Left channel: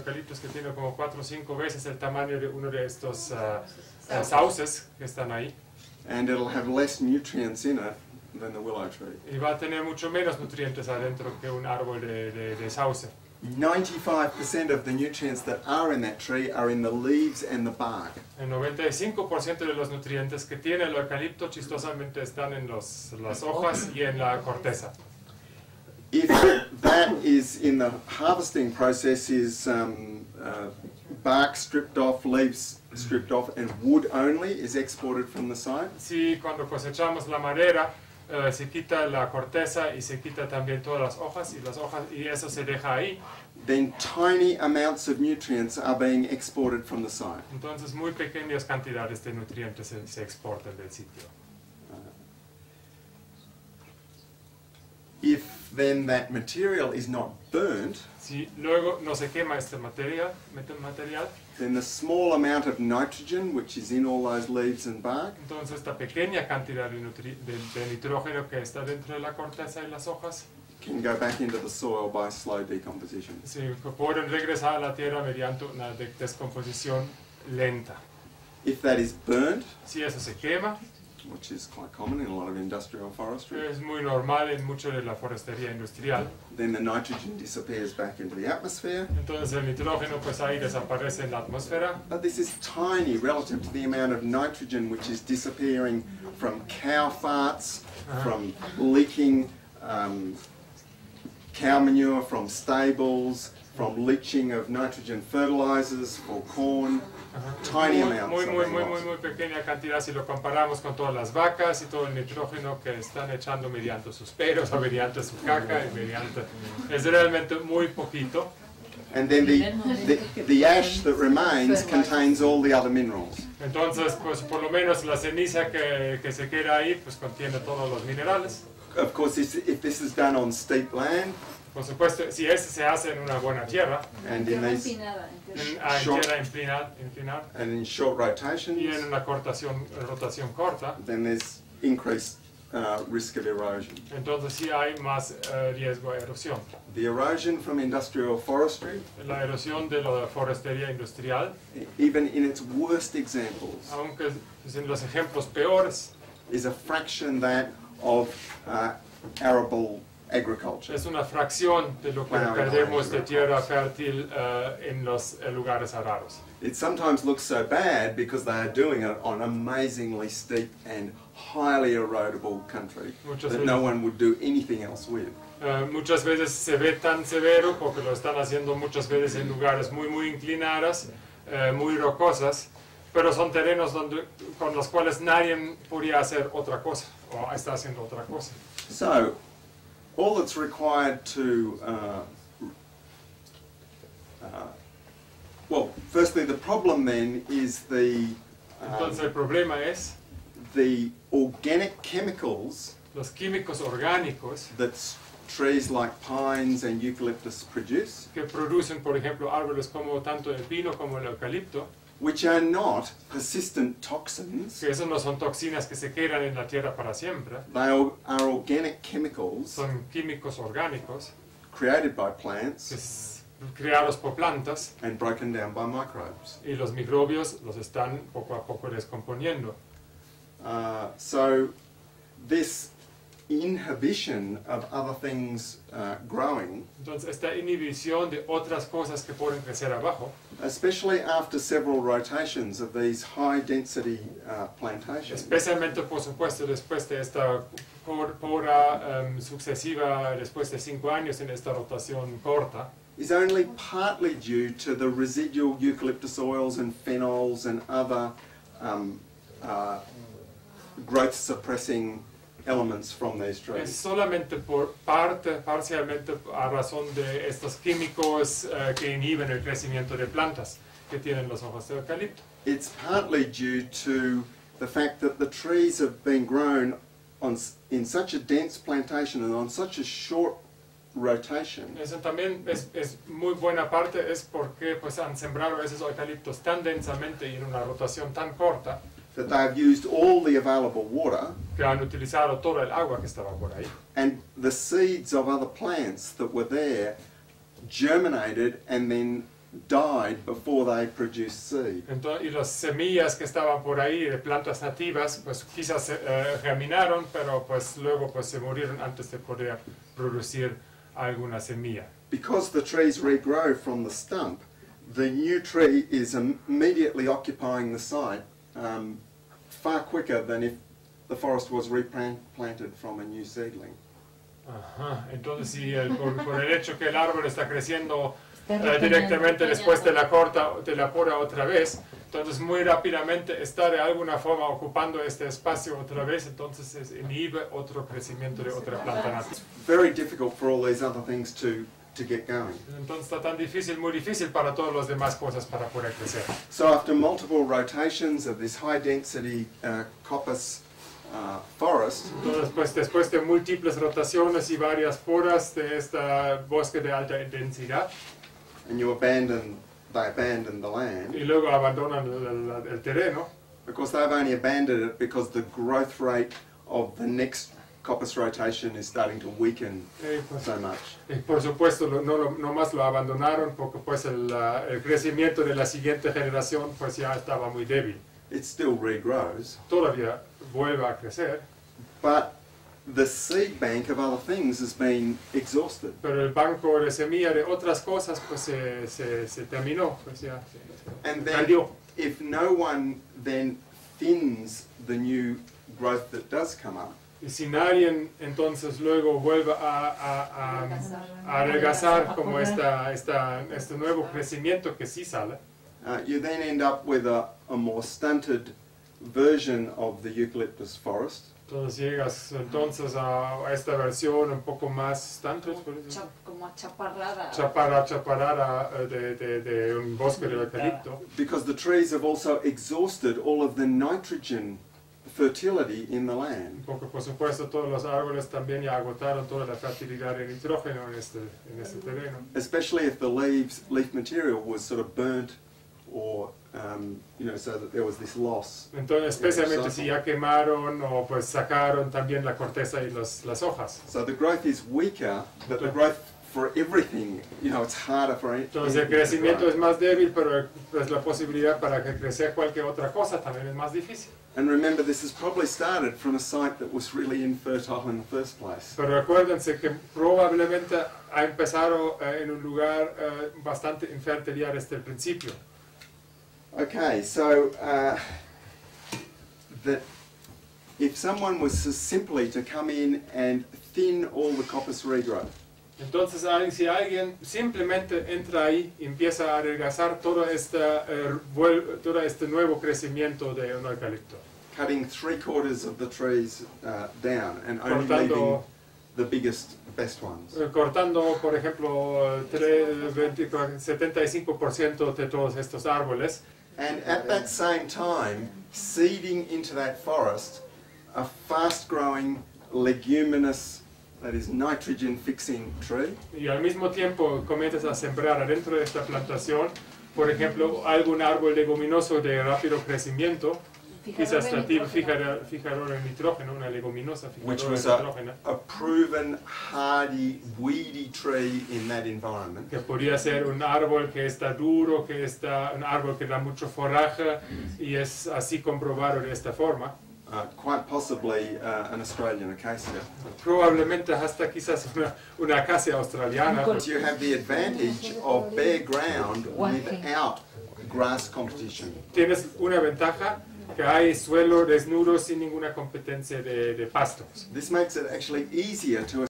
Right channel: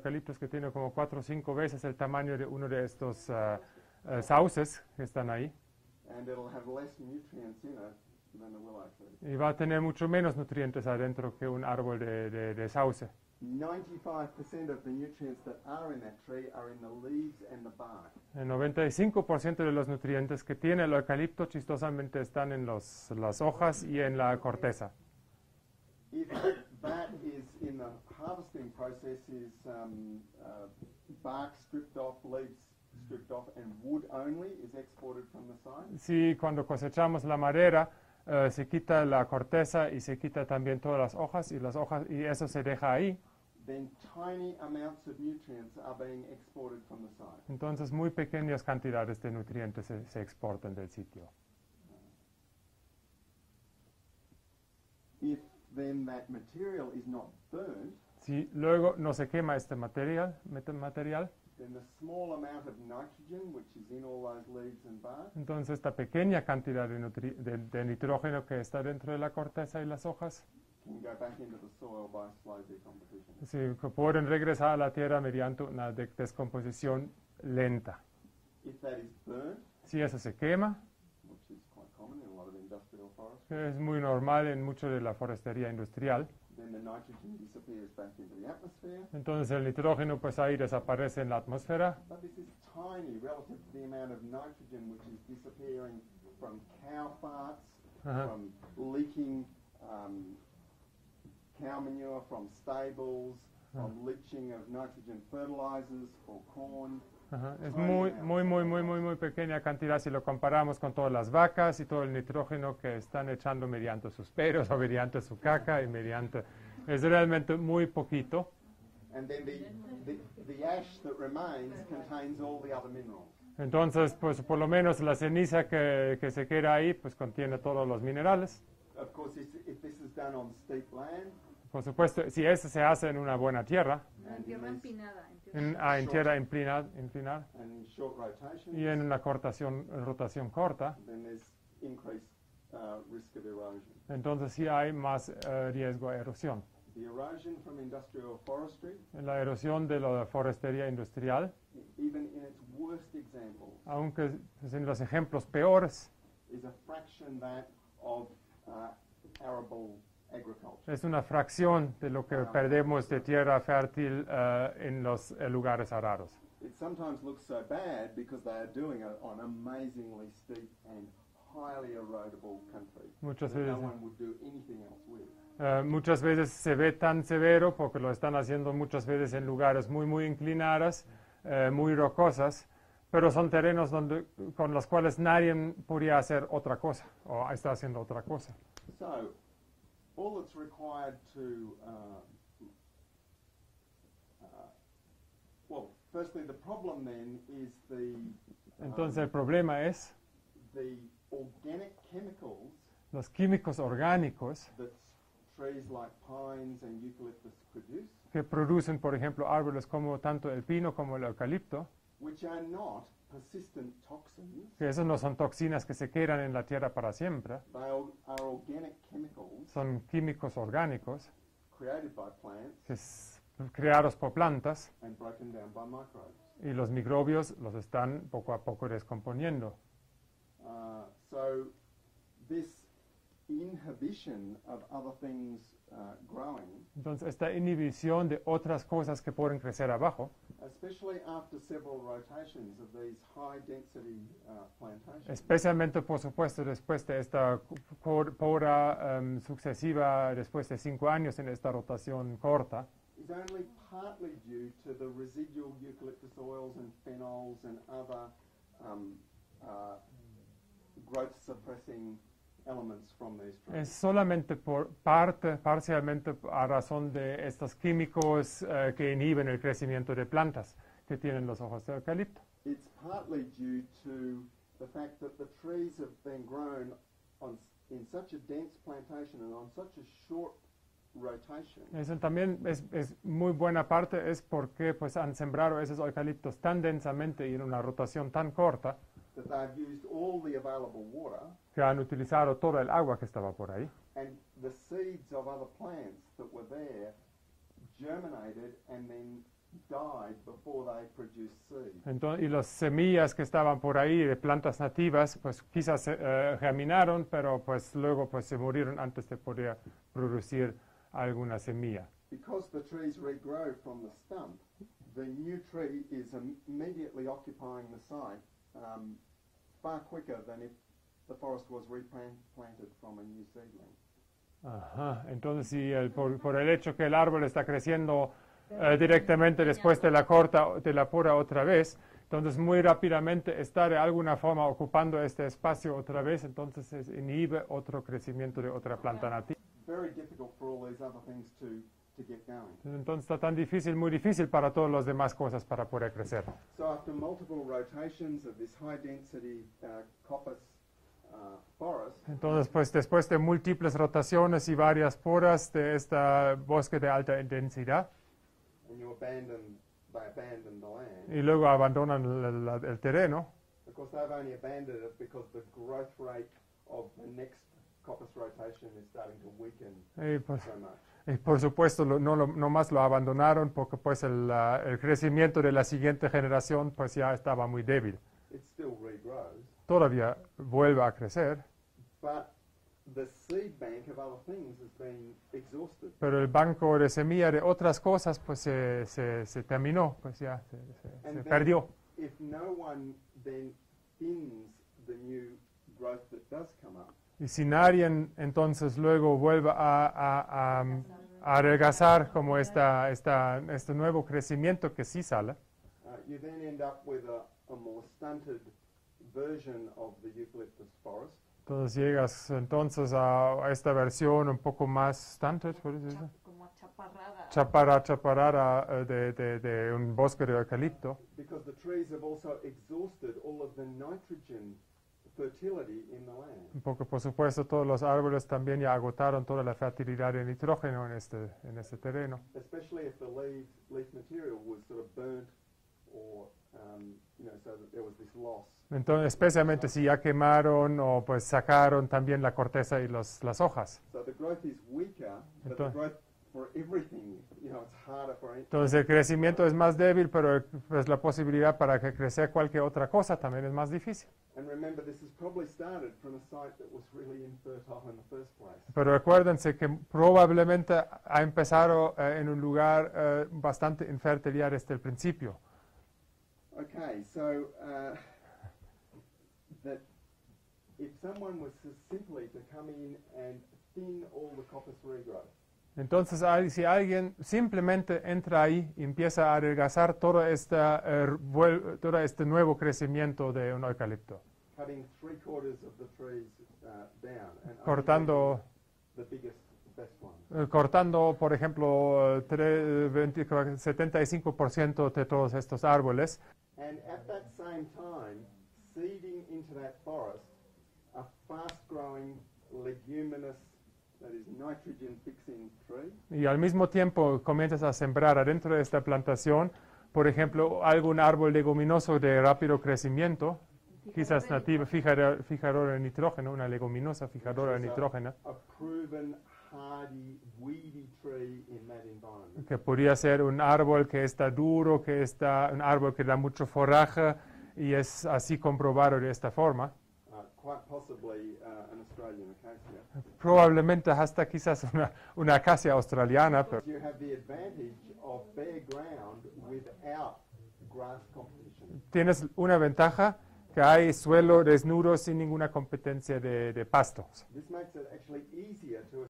eucaliptos que tiene como 4 o 5 veces el tamaño de uno de estos sauces que están ahí. And it'll have less nutrients in it than the willow tree. Y va a tener mucho menos nutrientes adentro que un árbol de sauce. 95% of the nutrients that are in that tree are in the leaves and the bark. El 95% de los nutrientes que tiene el eucalipto chistosamente están en las hojas y en la corteza. If that is in the harvesting process is bark stripped off, leaves stripped off, and wood only is exported from the site. Si cuando cosechamos la madera se quita la corteza y se quita también todas las hojas y eso se deja ahí. Then tiny amounts of nutrients are being exported from the site. Entonces muy pequeñas cantidades de nutrientes se exportan del sitio. If then that material is not burnt, Si luego no se quema este material, then the small amount of nitrogen which is in all those leaves and bark entonces esta pequeña cantidad de nitrógeno que está dentro de la corteza y las hojas can go back into the soil by slow decomposition. pueden regresar a la tierra mediante una descomposición lenta. If that is burnt, Si eso se quema, which is quite common in a lot of industrial forestry, es muy normal en mucho de la forestería industrial, then the nitrogen disappears back into the atmosphere. entonces el nitrógeno pues ahí desaparece en la atmósfera. But this is tiny relative to the amount of nitrogen which is disappearing from cow farts, from leaking cow manure from stables, from leaching of nitrogen fertilizers for corn. Tiny amounts. Muy pequeña cantidad si lo comparamos con todas las vacas y todo el nitrógeno que están echando mediante sus peros o mediante su caca y mediante... Es realmente muy poquito. And then the ash that remains contains all the other minerals. Entonces, pues por lo menos la ceniza que se queda ahí, pues contiene todos los minerales. Of course, if this is done on steep land, Por supuesto, si eso se hace en una buena tierra, and in these tierra inclinada, and in short y en rotations, una rotación corta, then there's increased risk of erosion. entonces sí hay más riesgo de erosión. The erosion from industrial forestry, La erosión de la forestería industrial, even in its worst examples, aunque pues, en los ejemplos peores, is a fraction that of arable agriculture. es una fracción de lo que perdemos de tierra fértil en los lugares arados. It sometimes looks so bad because they are doing it on amazingly steep and highly erodible country that no one would do anything else with. Muchas veces se ve tan severo porque lo están haciendo muchas veces en lugares muy inclinadas, muy rocosas, pero son terrenos con los cuales nadie podría hacer otra cosa o está haciendo otra cosa. So, all that's required to, well, firstly, the problem then is Entonces el problema es the organic chemicals los químicos orgánicos that trees like pines and eucalyptus produce, que producen, por ejemplo, árboles como tanto el pino como el eucalipto, which are not persistent toxins. que esos no son toxinas que se quedan en la tierra para siempre, They are organic chemicals son químicos orgánicos created by plants creados por plantas and broken down by microbes. y los microbios los están poco a poco descomponiendo. So this inhibition of other things growing, Entonces esta inhibición de otras cosas que pueden crecer abajo, especially after several rotations of these high density plantations, especialmente por supuesto después de esta poda sucesiva, después de 5 años en esta rotación corta, is only partly due to the residual eucalyptus oils and phenols and other growth suppressing elements from these es trees. solamente parcialmente a razón de estos químicos que inhiben el crecimiento de plantas que tienen los ojos de eucalipto. It's partly due to the fact that the trees have been grown in such a dense plantation and on such a short rotation. Eso también es muy buena parte, es porque pues han sembrado esos eucaliptos tan densamente y en una rotación tan corta That they have used all the available water, que han utilizado toda el agua que estaba por ahí. and the seeds of other plants that were there germinated and then died before they produced seed. Entonces, y las semillas que estaban por ahí de plantas nativas, pues quizás germinaron, pero pues luego pues se murieron antes de poder producir alguna semilla. Because the trees regrow from the stump, the new tree is immediately occupying the site far quicker than if the forest was replanted from a new seedling. Ajá. Entonces, si por el hecho que el árbol está creciendo directamente después de la poda otra vez, entonces muy rápidamente está de alguna forma ocupando este espacio otra vez, entonces inhibe otro crecimiento de otra planta nativa. It's very difficult for all these other things to get going. Entonces está tan difícil, muy difícil para todas las demás cosas para poder crecer. So after multiple rotations of this high density coppice forest, Entonces, pues, después de múltiples rotaciones y varias podas de este bosque de alta densidad, and they abandon the land. y luego abandonan el terreno, Of course, they've only abandoned it because the growth rate of the next coppice rotation is starting to weaken pues, so much. y por supuesto no más lo abandonaron porque pues el crecimiento de la siguiente generación pues ya estaba muy débil. It still regrows, Todavía vuelve a crecer, but the seed bank of other things has been exhausted. pero el banco de semilla de otras cosas pues se terminó, pues ya And then, cayó. if no one then thins the new growth that does come up, Y si nadie entonces luego vuelve a adelgazar como este nuevo crecimiento que sí sale, you then end up with a more stunted version of the eucalyptus forest. entonces llegas entonces a esta versión un poco más stunted, Como chaparrada. chaparrada de un bosque de eucalipto, Because the trees have also exhausted all of the nitrogen fertility in the land. porque por supuesto todos los árboles también ya agotaron toda la fertilidad de nitrógeno en este terreno. Especially if the leaf material was sort of burnt or, so that there was this loss. Entonces especialmente si ya quemaron o pues sacaron también la corteza y las hojas. So the growth is weaker, but the growth for everything, it's harder for anything. Entonces el crecimiento es más débil, pero pues la posibilidad para que crecer cualquier otra cosa también es más difícil. And remember, this has probably started from a site that was really infertile in the first place. Pero recuérdense que probablemente ha empezado en un lugar bastante infértil ya desde el principio. Okay, so that if someone was simply to come in and thin all the coppice regrowth, Entonces si alguien simplemente entra ahí y empieza a adelgazar todo este nuevo crecimiento de un eucalipto, cutting 3/4 of the trees down and only leaving cortando, the best ones. cortando por ejemplo 75% de todos estos árboles, And at that same time, seeding into that forest a fast-growing leguminous, that is nitrogen-fixing tree. y al mismo tiempo comienzas a sembrar adentro de esta plantación, por ejemplo, algún árbol leguminoso de rápido crecimiento, quizás nativo, fijador de nitrógeno, una leguminosa Which fijadora de was nitrógeno, a proven hardy, weedy tree in that environment. que podría ser un árbol que está duro, un árbol que da mucho foraje y es así comprobado de esta forma. Quite possibly an Australian acacia. Probablemente hasta quizás una acacia australiana. You have the advantage of bare ground without grass competition. Tienes una ventaja, que hay suelo desnudo sin ninguna competencia de pastos. This makes it actually easier to